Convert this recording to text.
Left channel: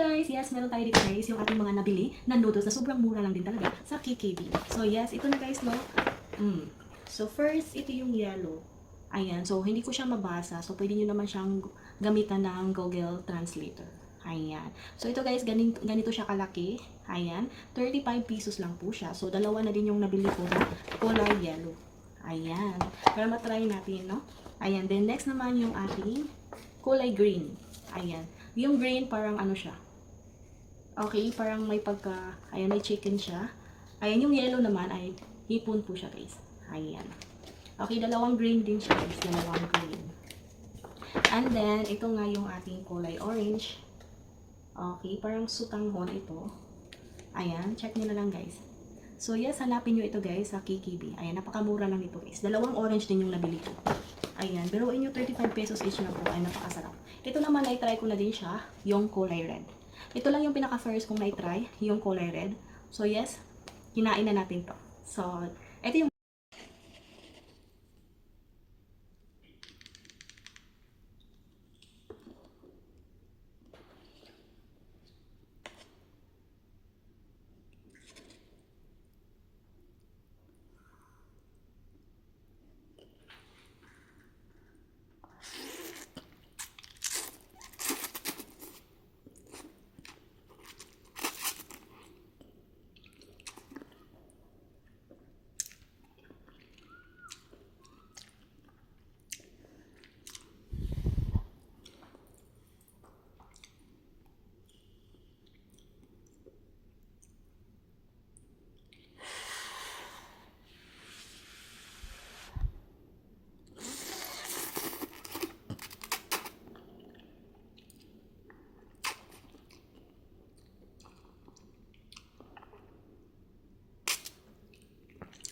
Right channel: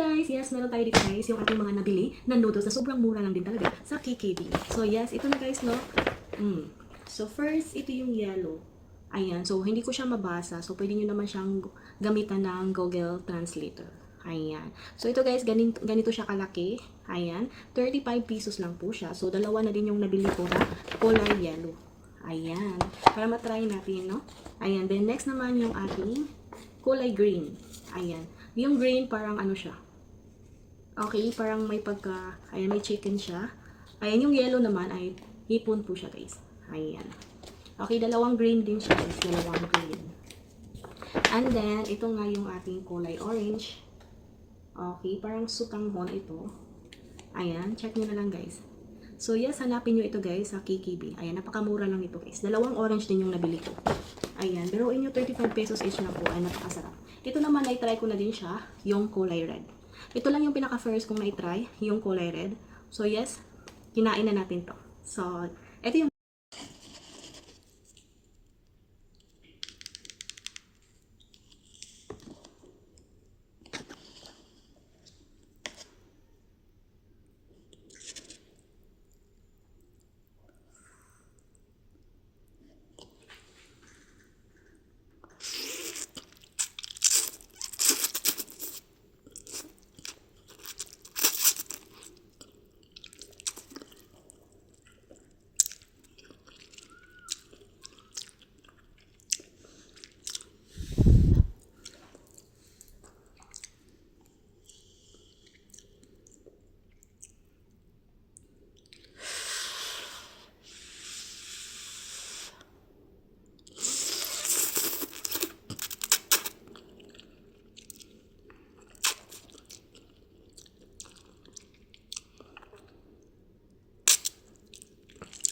guys! Yes, meron tayo dito guys yung ating mga nabili na noodles na sobrang mura lang din talaga sa KKB. So yes, ito na guys no. So first, ito yung yellow. Ayan, so hindi ko siya mabasa. So pwede nyo naman siyang gamitan ng Google Translator. Ayan. So ito guys, ganito siya kalaki. Ayan, 35 pesos lang po siya. So dalawa na din yung nabili ko na kulay yellow. Ayan, para matry natin no. Ayan, then next naman yung ating kulay green. Ayan. Yung green parang ano siya. Okay, parang may pagka, ayan, may chicken siya. Ayan, yung yellow naman ay hipon po siya guys. Ayan. Okay, dalawang green din siya guys. Dalawang green. And then, ito nga yung ating kulay orange. Okay, parang sutanghon ito. Ayan, check nyo na lang guys. So yes, hanapin nyo ito guys sa KKB. Ayan, napakamura lang ito guys. Dalawang orange din yung nabili ko. Ayan, biruin nyo 35 pesos each na po. Ay, napakasarap. Ito naman, na-try ko na din siya, yung kulay red. Ito lang yung pinaka-first kong na-try, yung kulay red. So yes, kinain na natin to. So, ito yung